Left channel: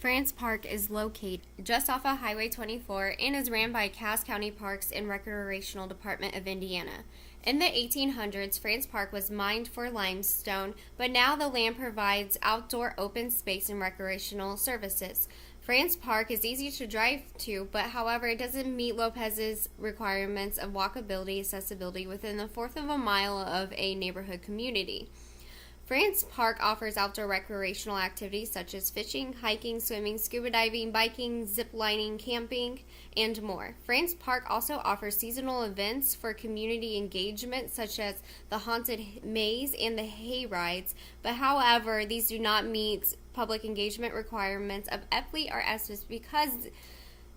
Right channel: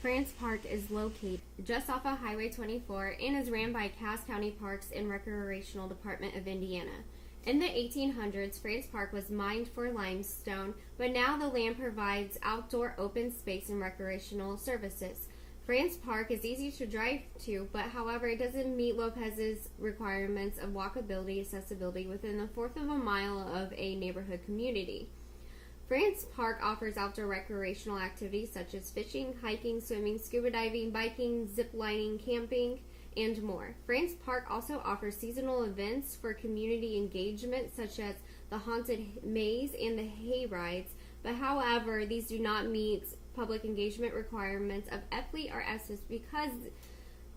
France Park is located just off of Highway 24 and is ran by Cass County Parks and Recreational Department of Indiana. In the 1800s, France Park was mined for limestone, but now the land provides outdoor open space and recreational services. France Park is easy to drive to, but however, it doesn't meet Lopez's requirements of walkability accessibility within a fourth of a mile of a neighborhood community. France Park offers outdoor recreational activities such as fishing, hiking, swimming, scuba diving, biking, zip lining, camping, and more. France Park also offers seasonal events for community engagement such as the haunted maze and the hay rides, but however, these do not meet public engagement requirements of FLE or SFIS because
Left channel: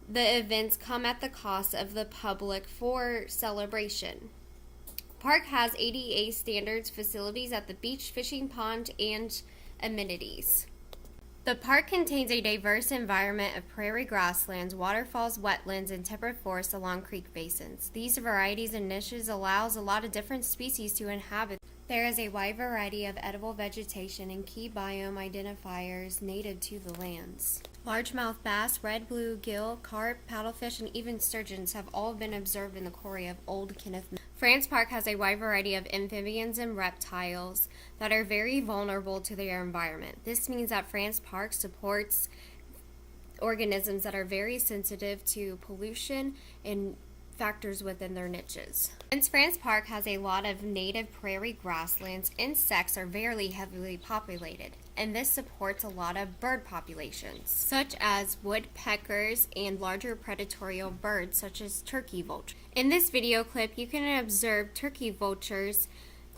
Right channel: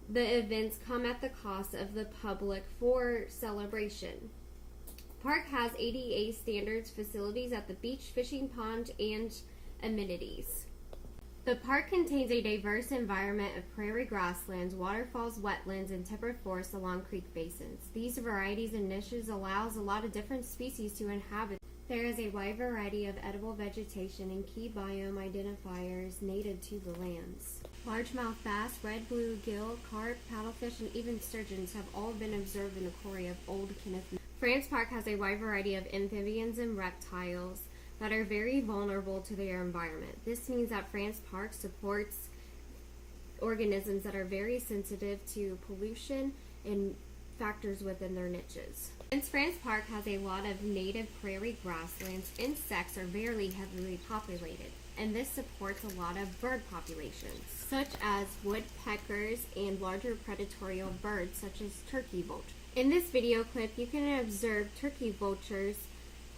the events come at the cost of the public for celebration. Park has ADA standards facilities at the beach, fishing pond, and amenities. The park contains a diverse environment of prairie grasslands, waterfalls, wetlands, and temperate forests along creek basins. These varieties and niches allows a lot of different species to inhabit. There is a wide variety of edible vegetation and key biome identifiers native to the lands. Largemouth bass, red bluegill, carp, paddlefish, and even sturgeons have all been observed in the quarry of Old Kenneth. France Park has a wide variety of amphibians and reptiles that are very vulnerable to their environment. This means that France Park supports organisms that are very sensitive to pollution and factors within their niches. Since France Park has a lot of native prairie grasslands, insects are very heavily populated, and this supports a lot of bird populations, such as woodpeckers and larger predatory birds such as turkey vultures. In this video clip, you can observe turkey vultures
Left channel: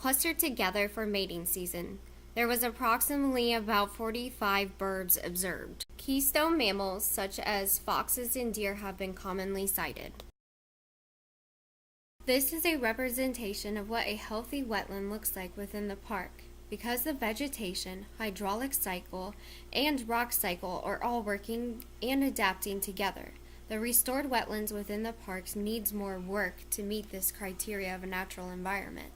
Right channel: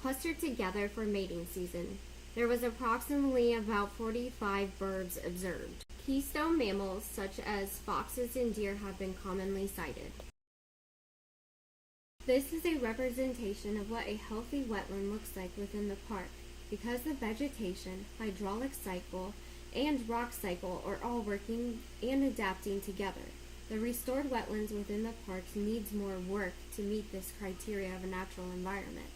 clustered together for mating season. There was approximately about 45 birds observed. Keystone mammals such as foxes and deer have been commonly sighted. This is a representation of what a healthy wetland looks like within the park. Because the vegetation, hydraulic cycle, and rock cycle are all working and adapting together, the restored wetlands within the parks needs more work to meet this criteria of a natural environment.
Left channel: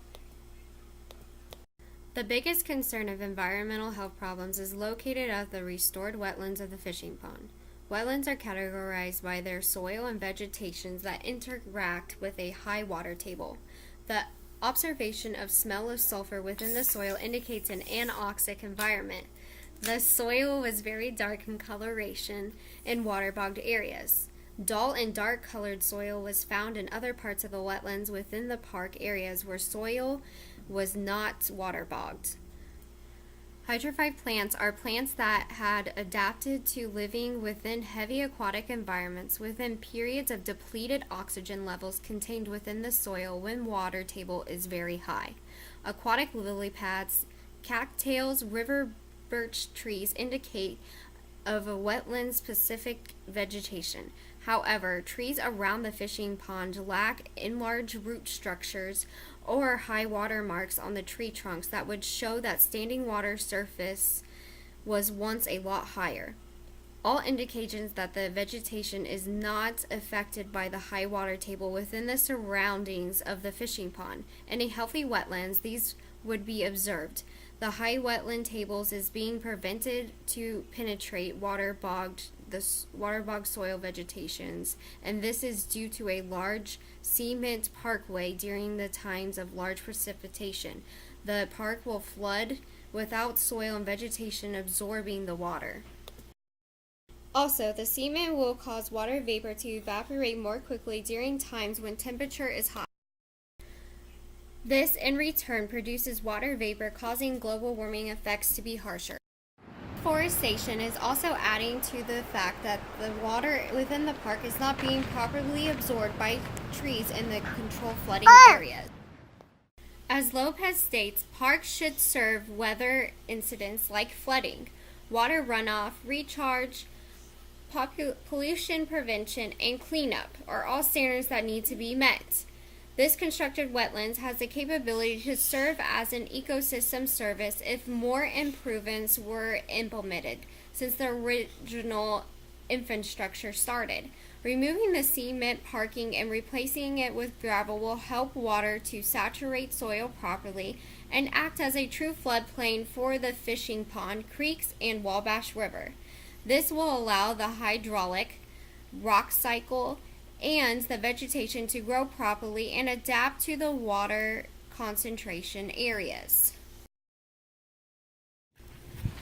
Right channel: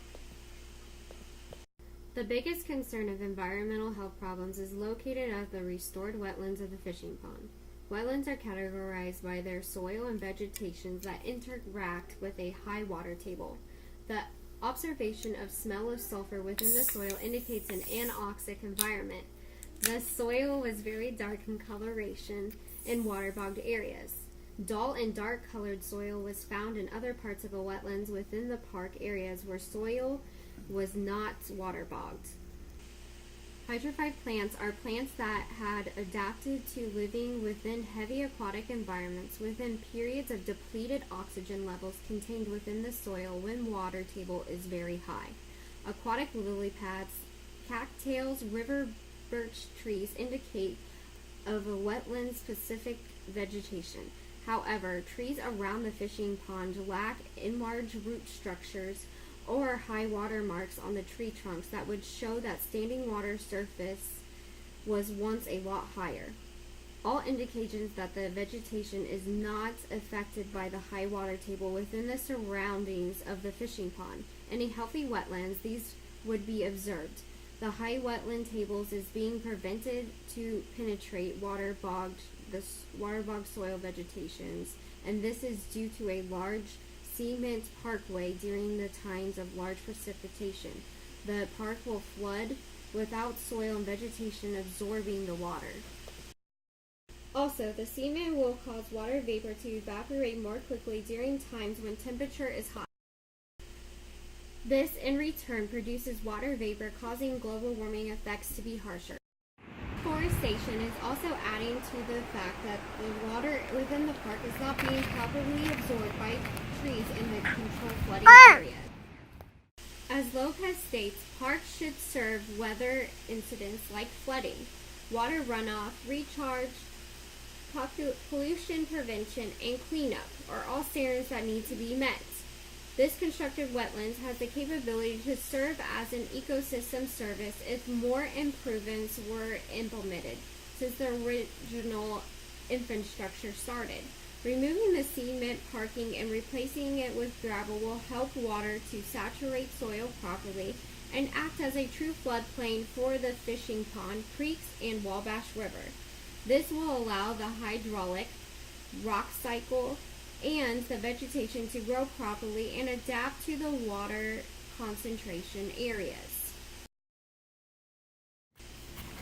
The biggest concern of environmental health problems is located at the restored wetlands of the fishing pond. Wetlands are categorized by their soil and vegetations that interact with a high water table. The observation of smell of sulfur within the soil indicates an anoxic environment. The soil was very dark in coloration in waterbogged areas. Dull and dark colored soil was found in other parts of the wetlands within the park areas where soil was not waterbogged. Hydrophyte plants are plants that had adapted to living within heavy aquatic environments within periods of depleted oxygen levels contained within the soil when water table is very high. Aquatic lily pads, cattails, river birch trees indicate of a wetland-specific vegetation. However, trees around the fishing pond lack enlarged root structures or high water marks on the tree trunks that would show that standing water surface was once a lot higher. All indications that the vegetation is not affected by the high water table within the surroundings of the fishing pond. In a healthy wetlands, these would be observed. The high wetland tables is being prevented to penetrate waterbogged soil vegetations, and this is due to a large cement parkway during the times of large precipitation. The park will flood without soil and vegetation absorbing the water. Also, the cement will cause water vapor to evaporate more quickly during times when temperature is high. This, in return, produces water vapor, causing global warming effects to be harsher. Deforestation is also adding to the fact that the water within the park is not being properly absorbed by trees in the controlled flooding areas. As Lopez states, parks should serve weather incidents like flooding, water runoff, recharge, pollution prevention, and cleanup are all standards that need to be met. This constructed wetlands has the capability to serve as an ecosystem service if more improvements were implemented since the original infrastructure started. Removing the cement parking and replacing it with gravel will help water to saturate soil properly and act as a true floodplain for the fishing pond, creeks, and Wabash River. This will allow the hydraulic, rock cycle, and the vegetation to grow properly and adapt to the water concentration areas.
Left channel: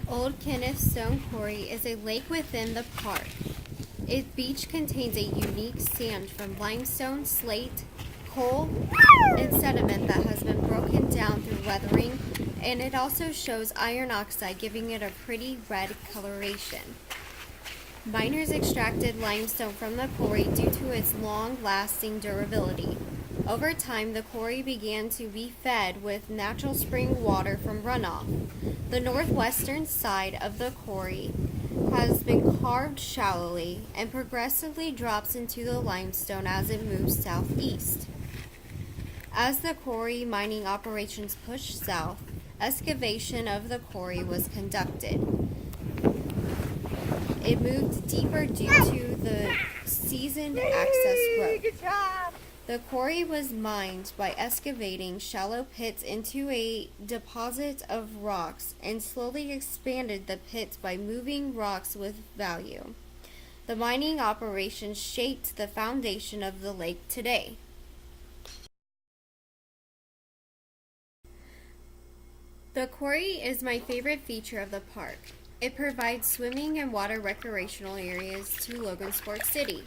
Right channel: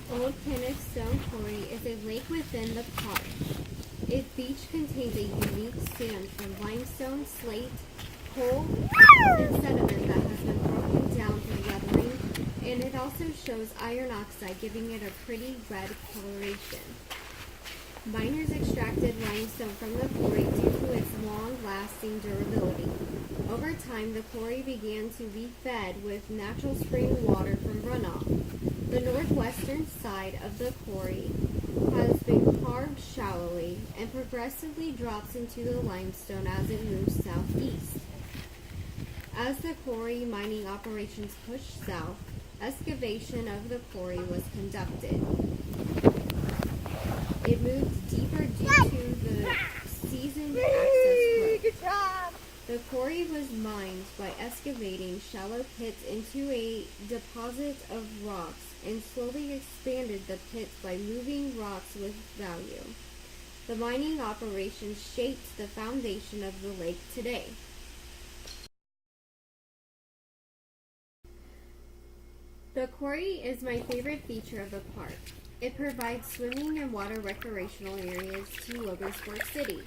Old Kenneth Stone Quarry is a lake within the park. Its beach contains a unique sand from limestone, slate, coal, and sediment that has been broken down through weathering, and it also shows iron oxide, giving it a pretty red coloration. Miners extracted limestone from the quarry due to its long-lasting durability. Over time, the quarry began to be fed with natural spring water from runoff. The northwestern side of the quarry has been carved shallowly and progressively drops into the limestone as it moves southeast. As the quarry mining operations pushed south, excavation of the quarry was conducted. It moved deeper due to the seasoned access road. The quarry was mined by excavating shallow pits into a deposit of rocks and slowly expanded the pits by moving rocks with value. The mining operation shaped the foundation of the lake today. The quarry is my favorite feature of the park. It provides swimming and water recreational areas to Logansport City.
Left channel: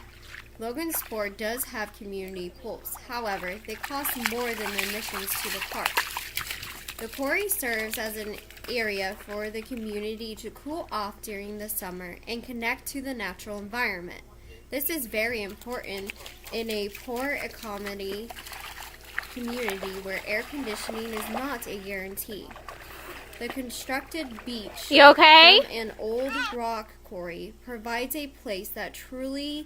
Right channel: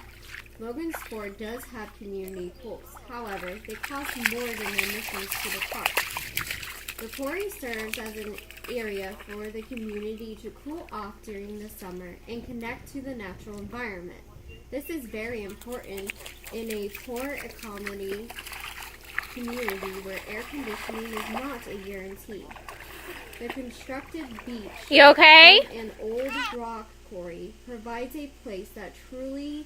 Logansport does have community pools. However, they cost more than admissions to the park. The quarry serves as an area for the community to cool off during the summer and connect to the natural environment. This is very important in a poor economy community where air conditioning is not a guarantee. The constructed beach You okay? from an old rock quarry provides a place that truly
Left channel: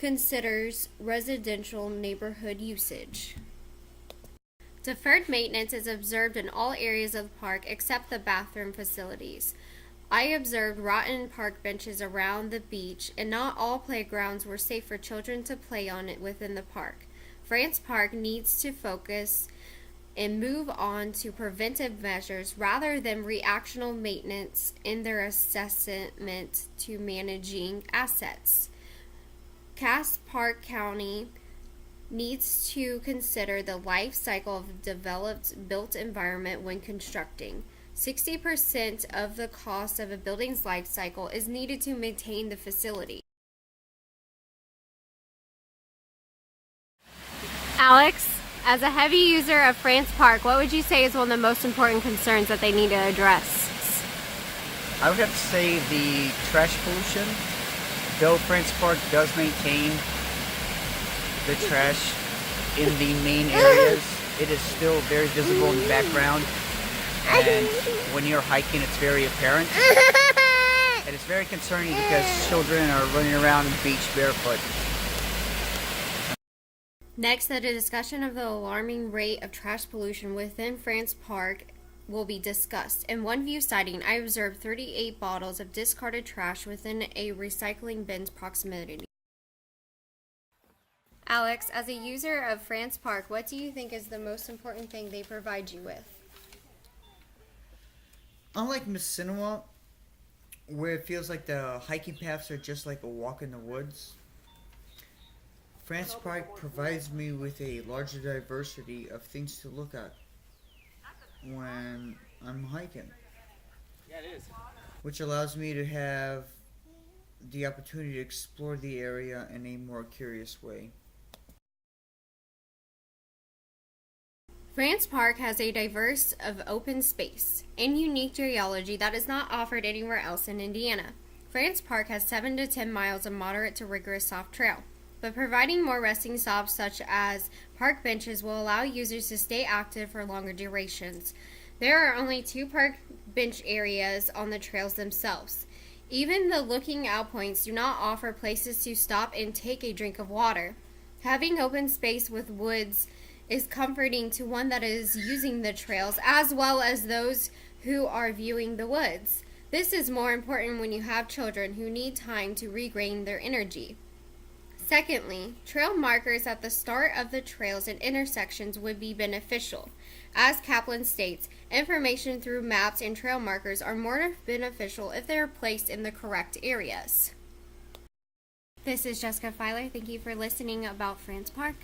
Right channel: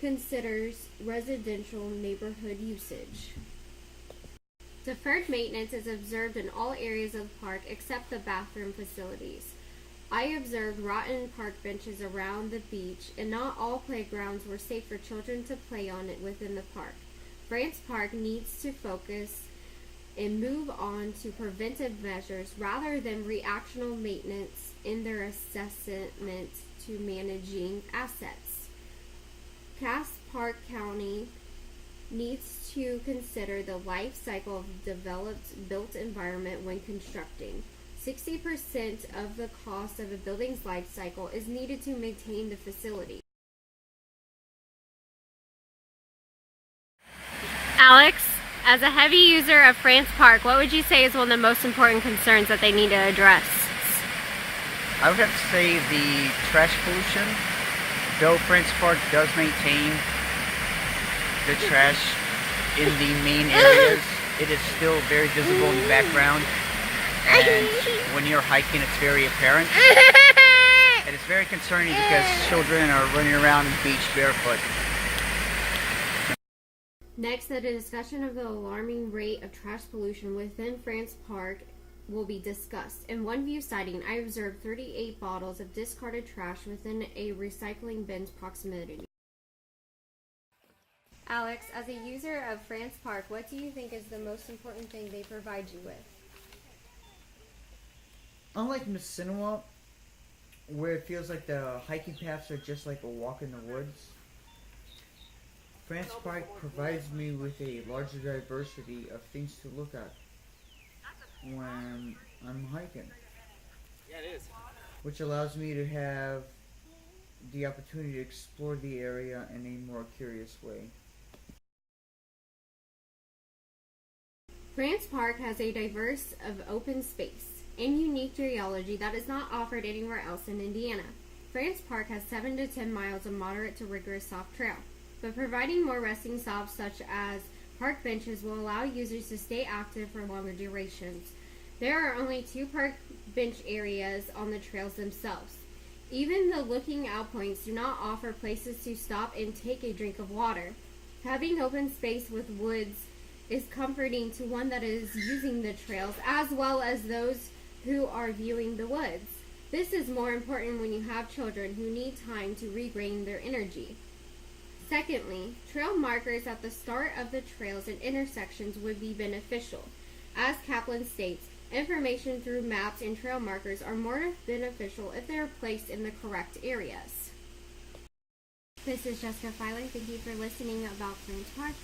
considers residential neighborhood usage. Deferred maintenance is observed in all areas of the park except the bathroom facilities. I observed rotten park benches around the beach, and not all playgrounds were safe for children to play on it within the park. France Park needs to focus and move on to preventive measures rather than reactional maintenance in their assessment to managing assets. Cass Park County needs to consider the life cycle of developed built environment when constructing. 60% of the cost of a building's life cycle is needed to maintain the facility. Alex, as a heavy user of France Park, what would you say is one of the most important concerns that they need to address? I would have to say the trash pollution. Though France Park does maintain the trash in the main areas, it is still very visible in the background. And when you're hiking, it's very apparent. And it's very concerning because children are running around the beach barefoot. Next, a discussion of the alarming rate of trash pollution within France Park will be discussed. In one view sighting, I observed 38 bottles of discarded trash within a recycling bin's proximity. Alex, as a user of France Park, what do you think is the most important thing they provide you with? Unlike Missinua, where it feels like the hiking paths are just like a walk in the woods, France Park provides me with a larger diversity of things to look at when I'm hiking. Yeah, it is. Which allows me to have the opportunity to explore the area in a more curious way. France Park has a diverse of open space and unique geology that is not offered anywhere else in Indiana. France Park has 7 to 10 miles of moderate to rigorous soft trail, but providing more resting stops such as park benches will allow users to stay active for longer durations. There are only 2 park bench areas on the trails themselves. Even the looking out points do not offer places to stop and take a drink of water. Having open space with woods is comforting to one that is using the trails as well as those who are viewing the woods. This is more important when you have children who need time to regain their energy. Secondly, trail markers at the start of the trails and intersections would be beneficial. As Kaplan states, Information through maps and trail markers are more beneficial if they are placed in the correct areas. This is Jessica Filer. Thank you for listening about France Park.